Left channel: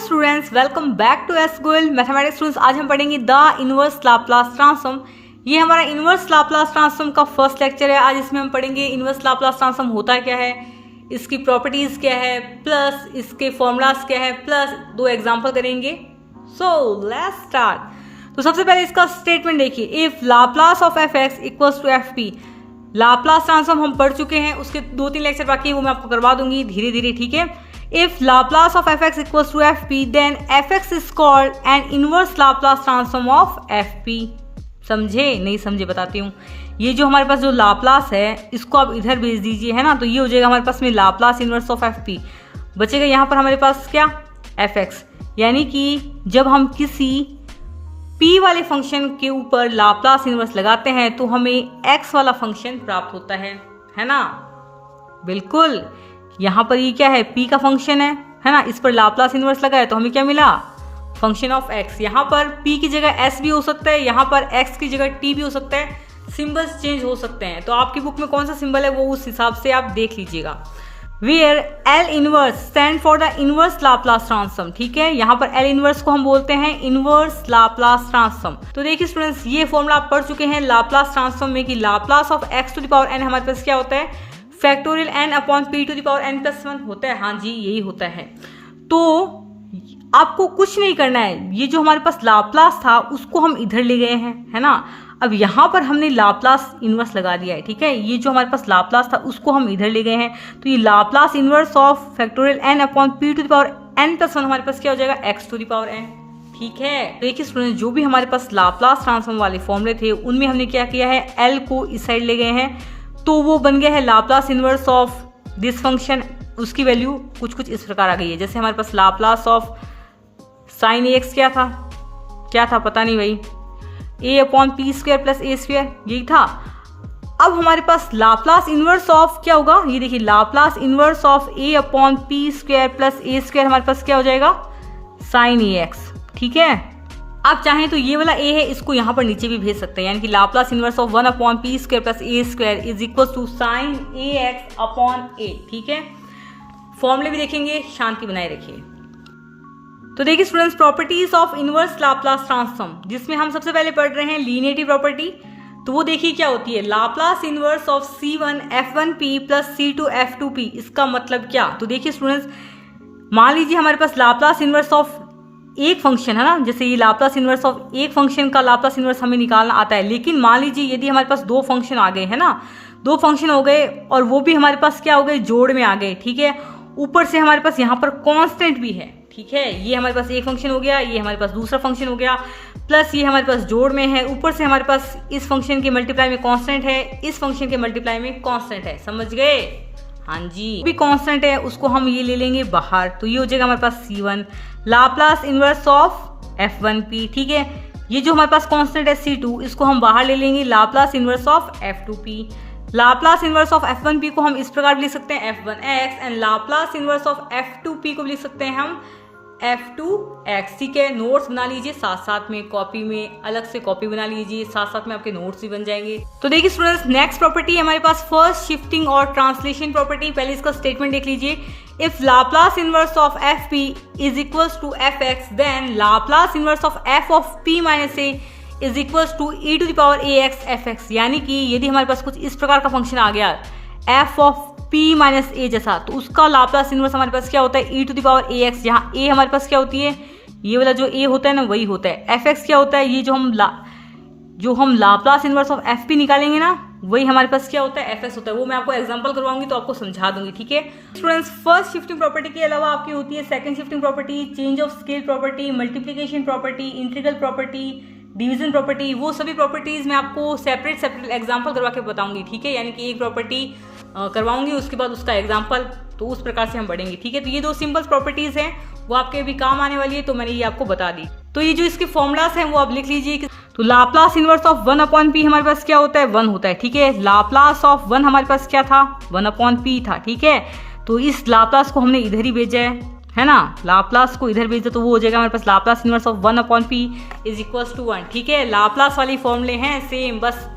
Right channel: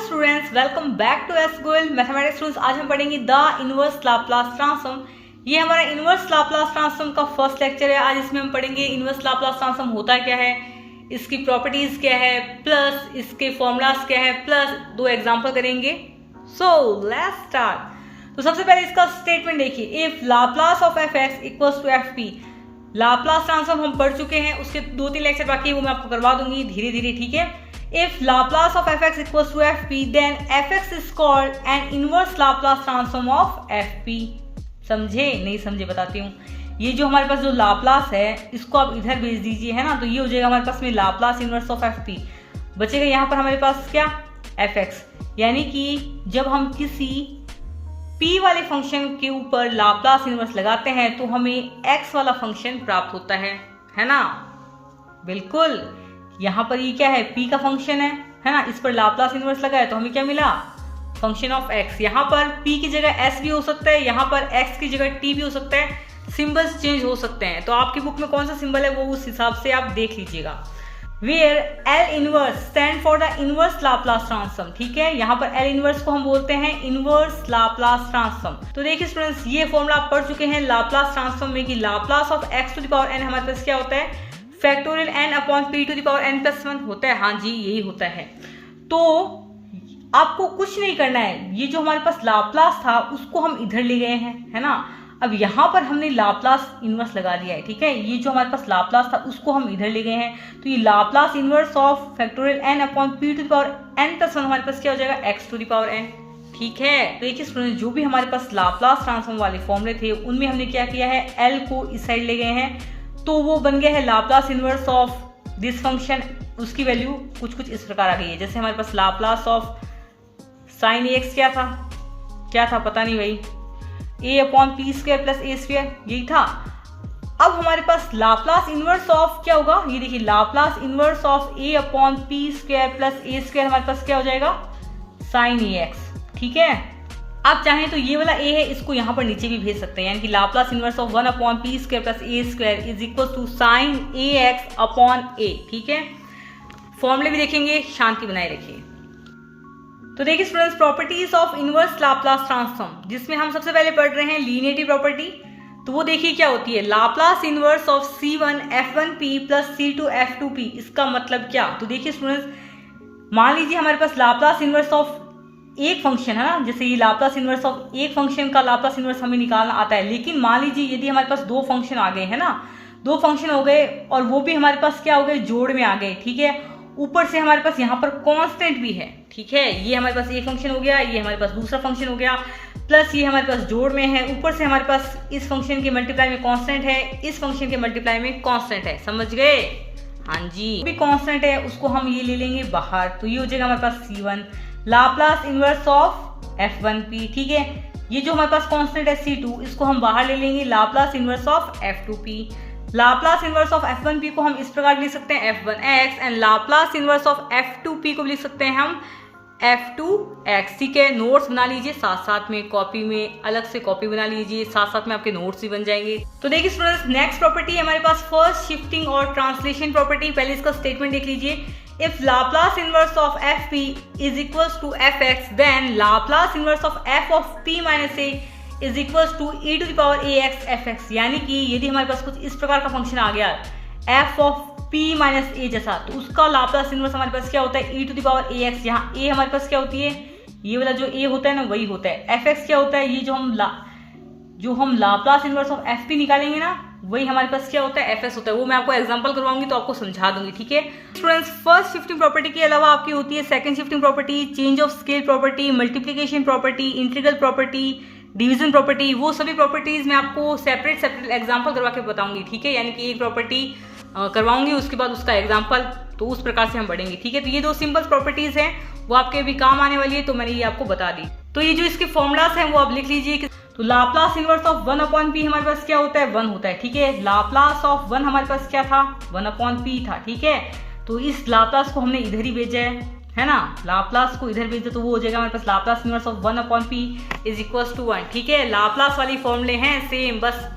Students, welcome back to S Goyal mathematics students. आज हम पढ़ेंगे द इनवर्स लाप्लास ट्रांसफॉर्म। ये हमारा इनवर्स लाप्लास ट्रांसफॉर्म का फर्स्ट लेक्चर है। आज इसमें हम पढ़ेंगे इनवर्स लाप्लास ट्रांसफॉर्म होता क्या है, इसकी प्रॉपर्टीज क्या है, प्लस इसके फॉर्मूलाज क्या है, प्लस दो एग्जांपल करेंगे। So let's start. तो सबसे पहले इसका स्टेटमेंट देखिए, if Laplace of F X equals to F P. Laplace transform हम पढ़ चुके हैं, उसके 2-3 लेक्चर बाकी है, वो मैं आपको करवा दूंगी धीरे धीरे, ठीक है। If Laplace of fx equals to fp, then fx is called an inverse Laplace transform of fp। समझे नहीं समझे बताती हूँ। ये जो हमारे पास जो लाप्लास है इसको आप इधर भेज दीजिए, है ना, तो ये हो जाएगा हमारे पास में लाप्लास इनवर्स ऑफ fp। बचेगा यहाँ पर हमारे पास क्या, fx। यानी कि जब हम किसी p वाले फंक्शन के ऊपर लाप्लास इनवर्स लगाते हैं तो हमें x वाला फंक्शन प्राप्त होता है ना। बिल्कुल, यहाँ पर ये क्या है, p का फंक्शन है ना, इस पर लाप्लास इनवर्स लगा है तो हमें क्या मिला, फंक्शन ऑफ x। यहाँ पर p की जगह s भी हो सकता है, यहाँ पर x की जगह t भी हो सकता है, सिंबल्स चेंज हो सकते हैं। तो आपकी बुक में कौन सा सिंबल है वो उस हिसाब से आप देख लीजिएगा। Where L inverse stand for the inverse Laplace transform, ठीक है। यहाँ पर L इनवर्स को हम बोलते हैं इनवर्स लाप्लास ट्रांसफॉर्म। तो देखिए स्टूडेंट्स, ये फॉर्मूला आप पढ़ चुके हैं लाप्लास ट्रांसफॉर्म में कि Laplace of x to the power n हमारे पास क्या होता है, factorial n upon p to the power n plus 1 होता है। हाँ जी, यही होता है। तो आपको कुछ नहीं करना है, ये जो हमारे पास लाप्लास था उसको हम इधर ले गए हैं, है ना। अब यहाँ पर हमने लाप्लास इनवर्स लगा दिया है, ठीक है। ये जो हमारे पास लाप्लास था उसको हम इधर ले गए हैं, तो ये Laplace inverse of factorial n upon p to the power n plus 1 हमारे पास क्या हो जाएगा, x to the power n, ठीक है। देखिए स्टूडेंट, जो भी हमारे पास लाप्लास ट्रांसफॉर्म वाले फॉर्मूले थे उनमें हमने क्या किया है, l को इस साइड ले गए हैं, तो वो बन गया है Laplace inverse of this function. उसकी वैल्यू कुछ इस प्रकार आ गई है, जैसे हमारे पास लाप्लास ऑफ साइन ax क्या था पता नहीं भाई, a upon P square plus A square, यही था। अब हमारे पास लाप्लास इनवर्स ऑफ क्या होगा, ये देखिए Laplace inverse of a upon P square plus A square हमारे पास क्या हो जाएगा, साइन ax, ठीक है। आप चाहें तो ये वाला a है, इसको यहाँ पर नीचे भी भेज सकते हैं, यानी कि Laplace inverse of 1 upon P square plus A square is equal to sine ax upon a, ठीक है। फॉर्मूले भी देखेंगे, शांति बनाए रखिए। तो देखिए students, properties of inverse Laplace transform, जिसमें हम सबसे पहले पढ़ रहे हैं लीनियरिटी प्रॉपर्टी। तो वो देखिए क्या होती है, Laplace inverse of c1 f1p plus c2 f2p। इसका मतलब क्या, तो देखिए स्टूडेंट्स, मान लीजिए हमारे पास लाप्लास इनवर्स ऑफ एक फंक्शन है ना, जैसे ये लाप्लास इनवर्स ऑफ एक फंक्शन का लाप्लास इनवर्स हमें निकालना आता है। लेकिन मान लीजिए यदि हमारे पास दो फंक्शन आ गए, है ना, दो फंक्शन हो गए और वो भी हमारे पास क्या हो गए, जोड़ में आ गए, ठीक है। ऊपर से हमारे पास यहाँ पर कांस्टेंट भी है, ठीक है। ये हमारे पास एक फंक्शन हो गया, ये हमारे पास दूसरा फंक्शन हो गया, प्लस ये हमारे पास जोड़ में है, ऊपर से हमारे पास इस फंक्शन के मल्टीप्लाई में कांस्टेंट है, इस फंक्शन के मल्टीप्लाई में कांस्टेंट है, समझ गए। हाँ जी, भी कांस्टेंट है उसको हम ये ले लेंगे बाहर, तो ये हो जाएगा हमारे पास c1 Laplace inverse of f1p, ठीक है। ये जो हमारे पास कांस्टेंट है c2, इसको हम बाहर ले लेंगे, Laplace inverse of f2p। Laplace inverse of f1p को हम इस प्रकार लिख सकते हैं f1x, and Laplace inverse of f2p को लिख सकते हैं हम f2x, ठीक है। नोट्स बना लीजिए, साथ साथ में कॉपी में अलग से कॉपी बना लीजिए, साथ साथ में आपके नोट्स भी बन जाएंगे। तो देखिए स्टूडेंट्स, नेक्स्ट प्रॉपर्टी हमारे पास फर्स्ट शिफ्टिंग और ट्रांसलेशन प्रॉपर्टी। पहले इसका स्टेटमेंट देख लीजिए, if Laplace inverse of fp is equals to fx, then Laplace inverse of f of p minus a is equals to e to the power ax fx। यानी कि यदि हमारे पास कुछ इस प्रकार का फंक्शन आ गया f of p minus a जैसा, तो उसका लाप्लास इनवर्स हमारे पास क्या होता है, e to the power ax। यहाँ a हमारे पास क्या होती है, ये वाला जो a होता है ना वही होता है। fx क्या होता है, ये जो हम लाप्लास इनवर्स ऑफ fp निकालेंगे ना, वही हमारे पास क्या होता है, fs होता है। वो मैं आपको एग्जांपल करवाऊंगी तो आपको समझा दूंगी, ठीक है। स्टूडेंट्स, फर्स्ट शिफ्टिंग प्रॉपर्टी के अलावा आपकी होती है second shifting property, change of scale property, multiplication property, integral property, division property. वो सभी प्रॉपर्टीज मैं आपको सेपरेट एग्जांपल करवा के बताऊंगी, ठीक है। यानी कि एक प्रॉपर्टी करवाऊंगी, उसके बाद उसका एग्जाम्पल, तो उस प्रकार से हम बढ़ेंगे, ठीक है। तो ये दो सिंपल प्रॉपर्टीज हैं, वो आपके भी काम आने वाली है, तो मैंने ये आपको बता दी। तो ये जो इसके फॉर्मूलाज हैं वो आप लिख लीजिए। तो Laplace inverse of 1 upon p हमारे पास क्या होता है, 1 होता है, ठीक है। लाप्लास ऑफ 1 हमारे पास क्या था, 1 अपॉन p था, ठीक है। तो इस लाप्लास को हमने इधर ही भेजा है ना, लाप्लास को इधर भेज दो तो वो हो जाएगा हमारे पास Laplace inverse of 1 upon p is equals to 1, ठीक है। लाप्लास वाली फॉर्मूले हैं सेम, बस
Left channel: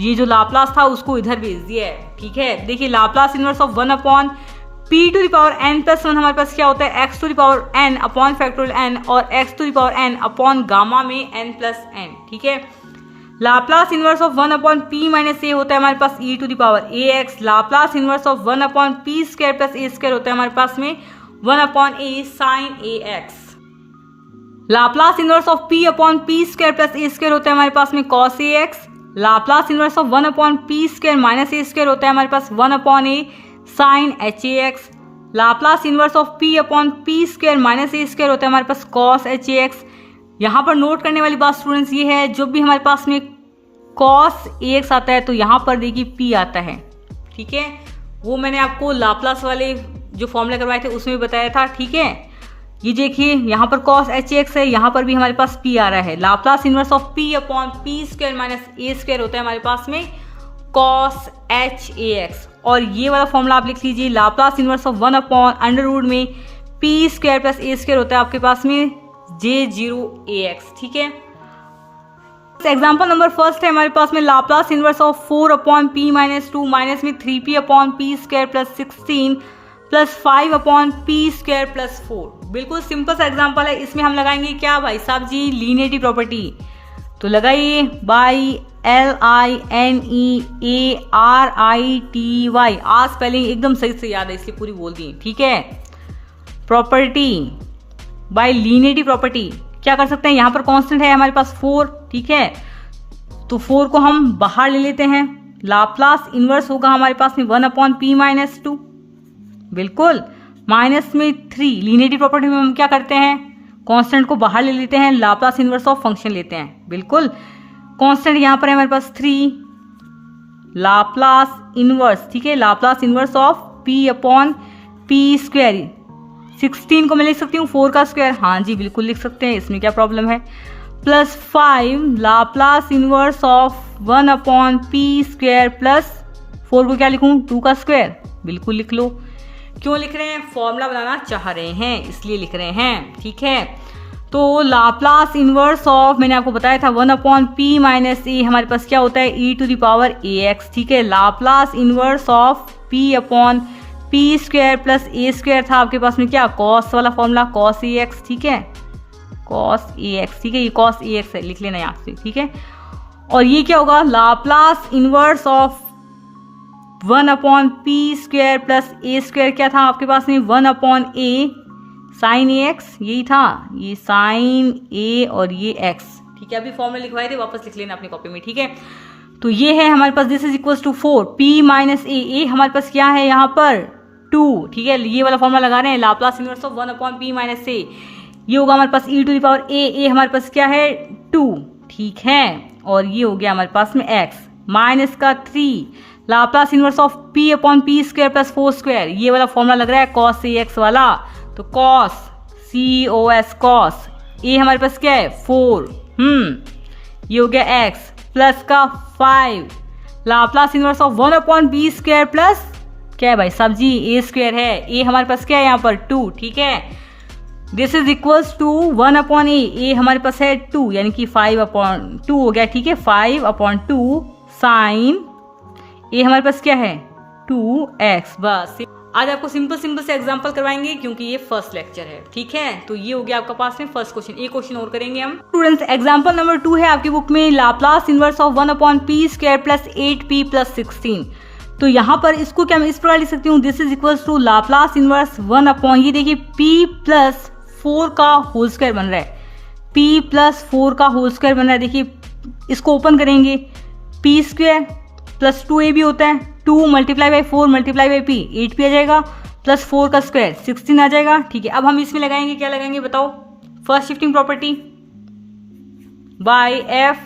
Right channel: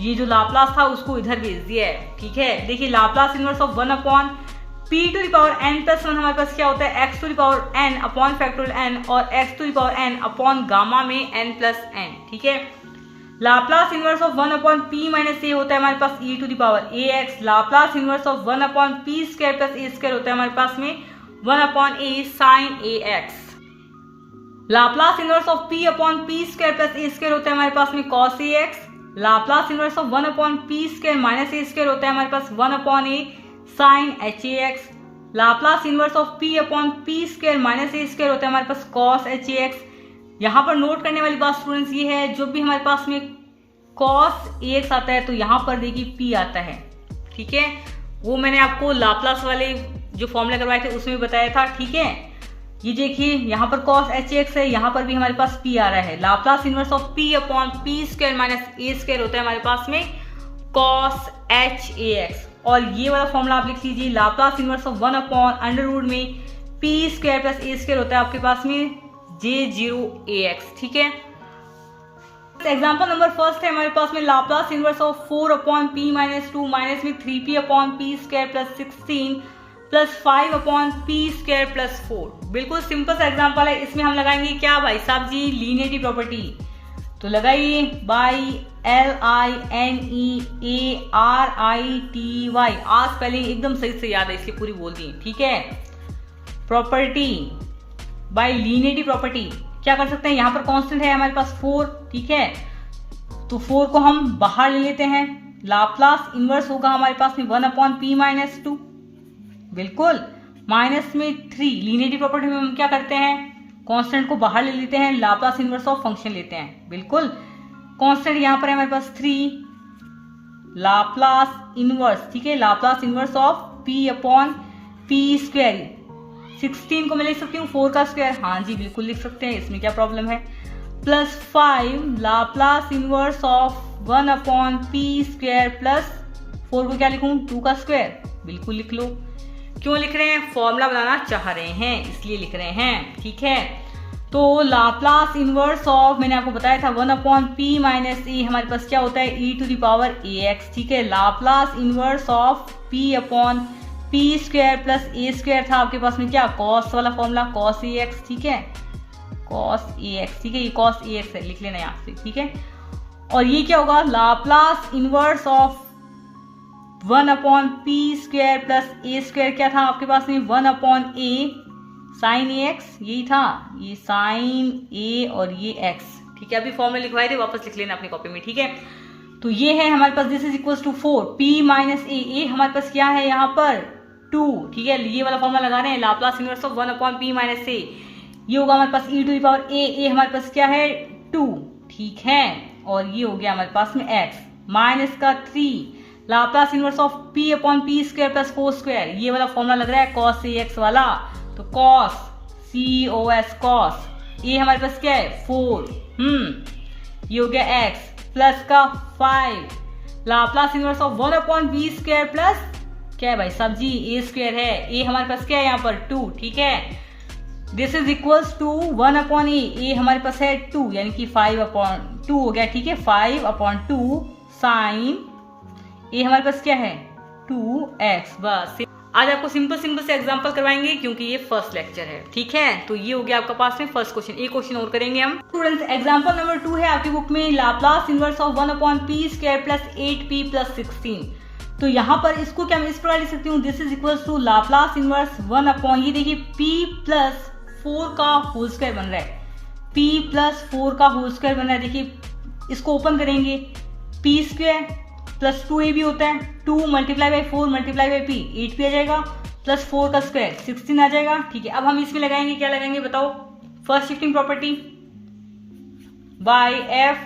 ये जो लाप्लास था उसको इधर भेज दिया है, ठीक है। देखिए Laplace inverse of 1 upon p to the power n plus 1 हमारे पास क्या होता है x to the power n upon factorial n और x to the power n upon gamma में n प्लस n, ठीक है। Laplace inverse of 1 upon p minus a होता है हमारे पास e to the power ax। Laplace inverse of 1 upon p square plus a square होता है हमारे पास में 1 upon a sine ax। Laplace inverse of p upon p square plus a square होता है हमारे पास में cos ax। Laplace inverse of 1 upon p square minus a square होता है हमारे पास 1 upon a sine hax। Laplace inverse of p upon p square minus a square होता है हमारे पास cos hax। यहाँ पर नोट करने वाली बात स्टूडेंट्स ये है, जब भी हमारे पास में cos ax आता है तो यहाँ पर देखिए p आता है, ठीक है। वो मैंने आपको लाप्लास वाले जो फॉर्मूले करवाए थे उसमें बताया था, ठीक है। ये देखिए यहाँ पर cos hax है, यहाँ पर भी हमारे पास p आ रहा है। Laplace inverse of p upon p square minus a square होता है हमारे पास में cos hax। और ये वाला फॉर्मूला आप लिख लीजिए, Laplace inverse of 1 upon under root में p square plus a square होता है आपके पास में j0ax, ठीक है। एग्जाम्पल नंबर फर्स्ट है हमारे पास में Laplace inverse of 4 upon p minus 2 minus में 3p upon p square plus 16 plus 5 upon p square plus 4। बिल्कुल सिंपल सा एग्जाम्पल है। इसमें हम लगाएंगे क्या भाई साहब जी, लीनियरिटी प्रॉपर्टी। तो लगाइए बाई LINEARITY, आज स्पेलिंग एकदम सही से याद है इसलिए पूरी बोल दी, ठीक है। प्रॉपर्टी बाय लीनियरिटी प्रॉपर्टी क्या कर सकते हैं, यहाँ पर कांस्टेंट है हमारे पास 4, ठीक है। तो 4 को हम बाहर ले लेते हैं। लाप्लास इनवर्स होगा हमारे पास में 1 अपॉन p माइनस 2, बिल्कुल माइनस में 3। लीनियरिटी प्रॉपर्टी में हम क्या करते हैं, कांस्टेंट को बाहर ले लेते हैं, लाप्लास इनवर्स ऑफ फंक्शन लेते हैं, बिल्कुल। कांस्टेंट यहाँ पर है हमारे पास 3, लाप्लास इनवर्स, ठीक है, Laplace inverse of p upon p square. 16 को मैं लिख सकती हूँ 4 का स्क्वायर, हाँ जी बिल्कुल लिख सकते हैं, इसमें क्या प्रॉब्लम है। Plus 5 Laplace inverse of 1 upon p square plus 4 को क्या लिखूँ 2 का स्क्वायर, बिल्कुल लिख लो। क्यों लिख रहे हैं, फॉर्मूला बनाना चाह रहे हैं इसलिए लिख रहे हैं, ठीक है। तो लाप्लास इनवर्स ऑफ मैंने आपको बताया था 1 अपॉन p माइनस a हमारे पास क्या होता है e to the power ax, ठीक है। Laplace inverse of p upon p square plus a square था आपके पास में क्या, cos वाला फॉर्मूला cos ax, ठीक है, cos ax, ठीक है। ये cos ax है, लिख लेना यहाँ से, ठीक है। और ये क्या होगा, Laplace inverse of 1 upon p square plus a square क्या था आपके पास में 1 अपॉन a साइन ax, यही था, ये साइन a और ये x, ठीक है। अभी फॉर्मूला लिखवाए थे, वापस लिख लेना अपनी कॉपी में, ठीक है। तो ये है हमारे पास this is equals to 4 p minus a हमारे पास क्या है यहाँ पर 2, ठीक है। ये वाला फॉर्मूला लगा रहे हैं, Laplace inverse of 1 upon p minus a, ये होगा हमारे पास e to the power a हमारे पास क्या है 2, ठीक है। और ये हो गया हमारे पास में x माइनस का 3 Laplace inverse of p upon p square plus 4 square, ये वाला फॉर्मूला लग रहा है cos ax वाला। तो cos cos cos a हमारे पास क्या है 4, ये हो गया x प्लस का 5 Laplace inverse of 1 upon b square plus क्या है भाई साहब जी a स्क्वायर है, a हमारे पास क्या है यहाँ पर 2, ठीक है। This is equals to 1 upon a हमारे पास है 2 यानी कि 5 अपॉन 2 हो गया, ठीक है। 5 अपॉन 2 साइन a हमारे पास क्या है 2x। बस आज आपको सिंपल से एग्जांपल करवाएंगे क्योंकि ये फर्स्ट लेक्चर है, ठीक है। तो ये हो गया आपका पास में फर्स्ट क्वेश्चन। एक क्वेश्चन और करेंगे हम स्टूडेंट्स। एग्जांपल नंबर 2 है आपकी बुक में, Laplace inverse of 1 upon p square plus 8p plus 16। तो यहाँ पर इसको क्या मैं इस प्रकार लिख सकती हूँ, this is equals to Laplace inverse 1 upon, ये देखिए p प्लस 4 का होल स्क्वायर बन रहा है, p प्लस 4 का होल स्क्वायर बन रहा है। देखिए इसको ओपन करेंगे, p स्क्वायर प्लस 2a भी होता है, 2 multiply by 4 multiply by p 8p आ जाएगा, प्लस 4 का स्क्वायर 16 आ जाएगा, ठीक है। अब हम इसमें लगाएंगे, क्या लगाएंगे बताओ, first shifting property by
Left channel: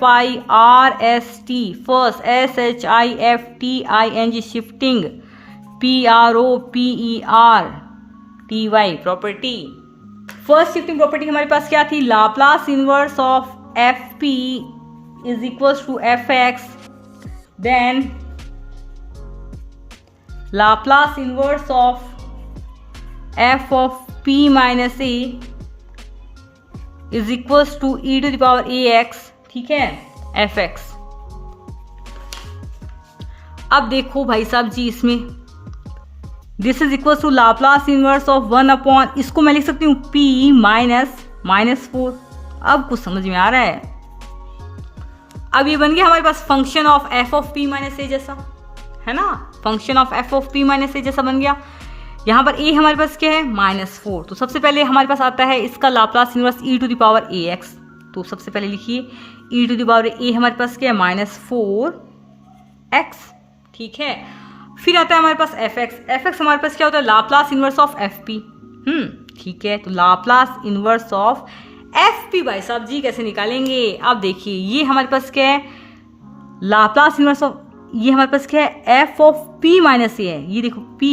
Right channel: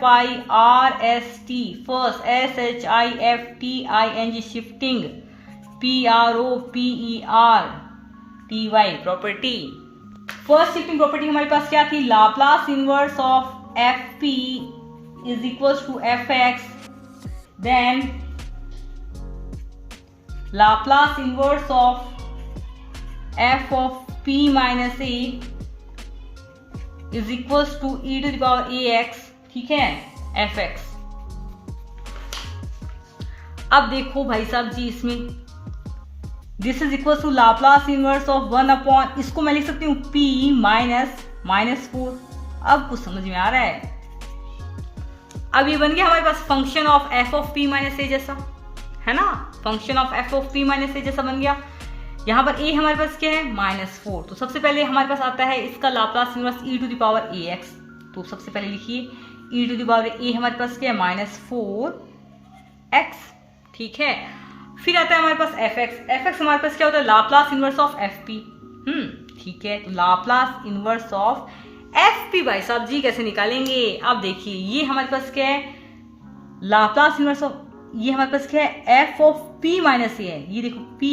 FIRST, first SHIFTING shifting PROPERTY property. First shifting property हमारे पास क्या थी, Laplace inverse of FP is equals to FX, then Laplace inverse of f of p minus a is equals to e to the power ax, ठीक है, fx। अब देखो भाई साहब जी, इसमें this is equal to Laplace inverse of 1 upon, इसको मैं लिख सकती हूँ p माइनस 4। अब कुछ समझ में आ रहा है। अब ये बन गया हमारे पास function of f of p minus a जैसा, है ना, function of f of p minus a जैसा बन गया। यहाँ पर a हमारे पास क्या है -4, तो सबसे पहले हमारे पास आता है इसका Laplace inverse e to the power ax। तो सबसे पहले लिखिए e to the power a हमारे पास क्या है -4x, ठीक है। फिर आता है हमारे पास fx हमारे पास क्या होता है लाप्लास इनवर्स ऑफ fp, ठीक है। तो लाप्लास इनवर्स ऑफ fp भाई साहब जी कैसे निकालेंगे। अब देखिए ये हमारे पास क्या है लाप्लास इनवर्स ऑफ, ये हमारे पास क्या है f of p minus a है, ये देखो p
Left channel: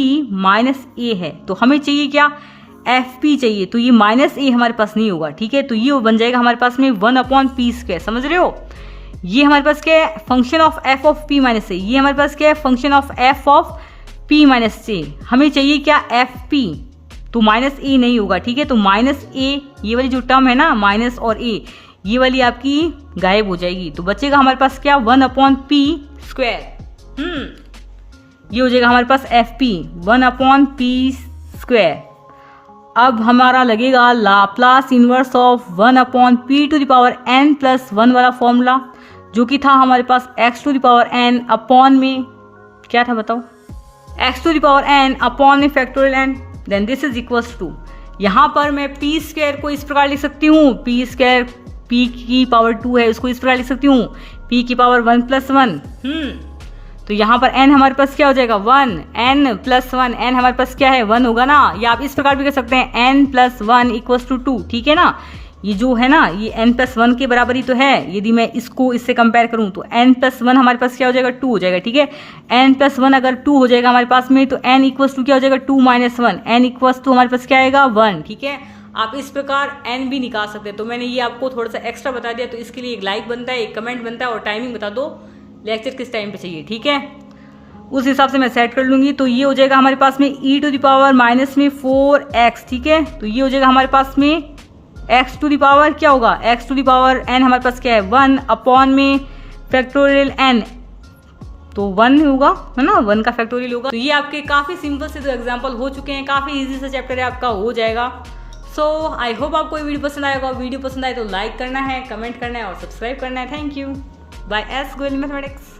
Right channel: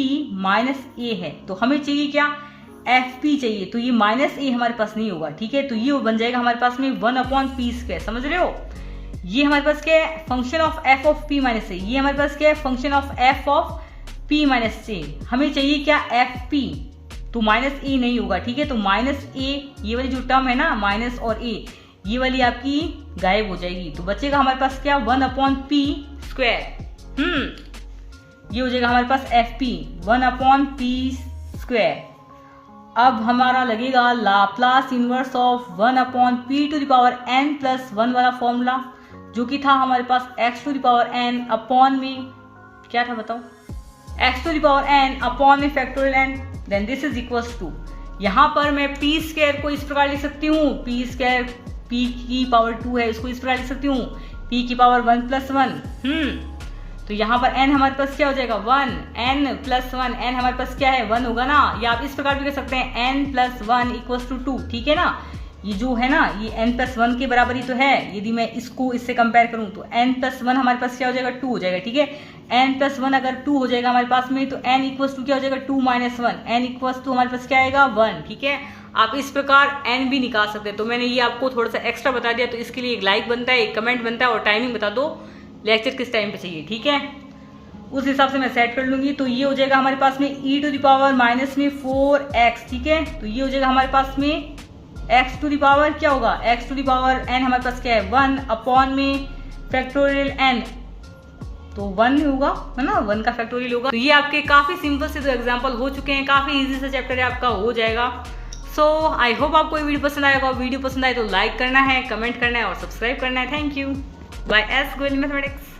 माइनस a है, तो हमें चाहिए क्या fp चाहिए, तो ये माइनस a हमारे पास नहीं होगा, ठीक है। तो ये बन जाएगा हमारे पास में 1 अपॉन p स्क्वायर, समझ रहे हो। ये हमारे पास क्या है function of f of p minus a, ये हमारे पास क्या है function of f of p minus a। हमें चाहिए क्या fp, तो माइनस a नहीं होगा, ठीक है। तो माइनस a, ये वाली जो टर्म है ना माइनस और a, ये वाली आपकी गायब हो जाएगी, तो बचेगा हमारे पास क्या 1 अपॉन p स्क्वायर। ये हो जाएगा हमारे पास fp 1 अपॉन p स्क्वायर। अब हमारा लगेगा Laplace inverse of 1 upon p to the power n plus 1 वाला फॉर्मूला, जो कि था हमारे पास x to the power n upon में क्या था बताओ, x to the power n upon में factorial n, then this is equals to, यहाँ पर मैं p स्क्वायर को इस प्रकार लिख सकती हूँ, p स्क्वायर p की पावर 2 है, उसको इस प्रकार लिख सकती हूँ p की पावर 1 प्लस 1। तो यहाँ पर n हमारे पास क्या हो जाएगा 1, n प्लस 1, n हमारे पास क्या है 1 होगा ना, या आप इस प्रकार भी कर सकते हैं n प्लस 1 इक्वल्स टू 2, ठीक है ना। ये जो है ना ये n प्लस 1 के बराबर ही तो है, यदि मैं इसको इससे कंपेयर करूं तो n प्लस 1 हमारे पास क्या हो जाएगा 2 हो जाएगा, ठीक है। n प्लस 1 अगर 2 हो जाएगा हमारे पास में, तो n इक्वल्स टू क्या हो जाएगा 2 माइनस 1, n इक्वल्स टू हमारे पास क्या आएगा 1, ठीक है। आप इस प्रकार n भी निकाल सकते हैं। तो मैंने ये आपको थोड़ा सा एक्स्ट्रा बता दिया, तो इसके लिए एक लाइक बनता है, एक कमेंट बनता है, और टाइमिंग बता दो लेक्चर किस टाइम पे चाहिए, ठीक है। उस हिसाब से मैं सेट कर लूंगी। तो ये हो जाएगा हमारे पास में e to the power minus में 4x, ठीक है। तो ये हो जाएगा हमारे पास में x टू द पावर क्या होगा x to the power n हमारे पास क्या है 1 अपॉन में फैक्टोरियल n, तो 1 होगा, है ना, 1 का फैक्टोरियल होगा। तो ये आपके काफी सिंपल से 2 एग्जाम्पल हो चुके हैं, काफी इजी से चैप्टर आपका हो जाएगा। सो आई होप आपको ये वीडियो पसंद आएगा। वीडियो पसंद आए तो लाइक करना है, कमेंट करना है और सब्सक्राइब करना है। Thank you, by S Goyal mathematics.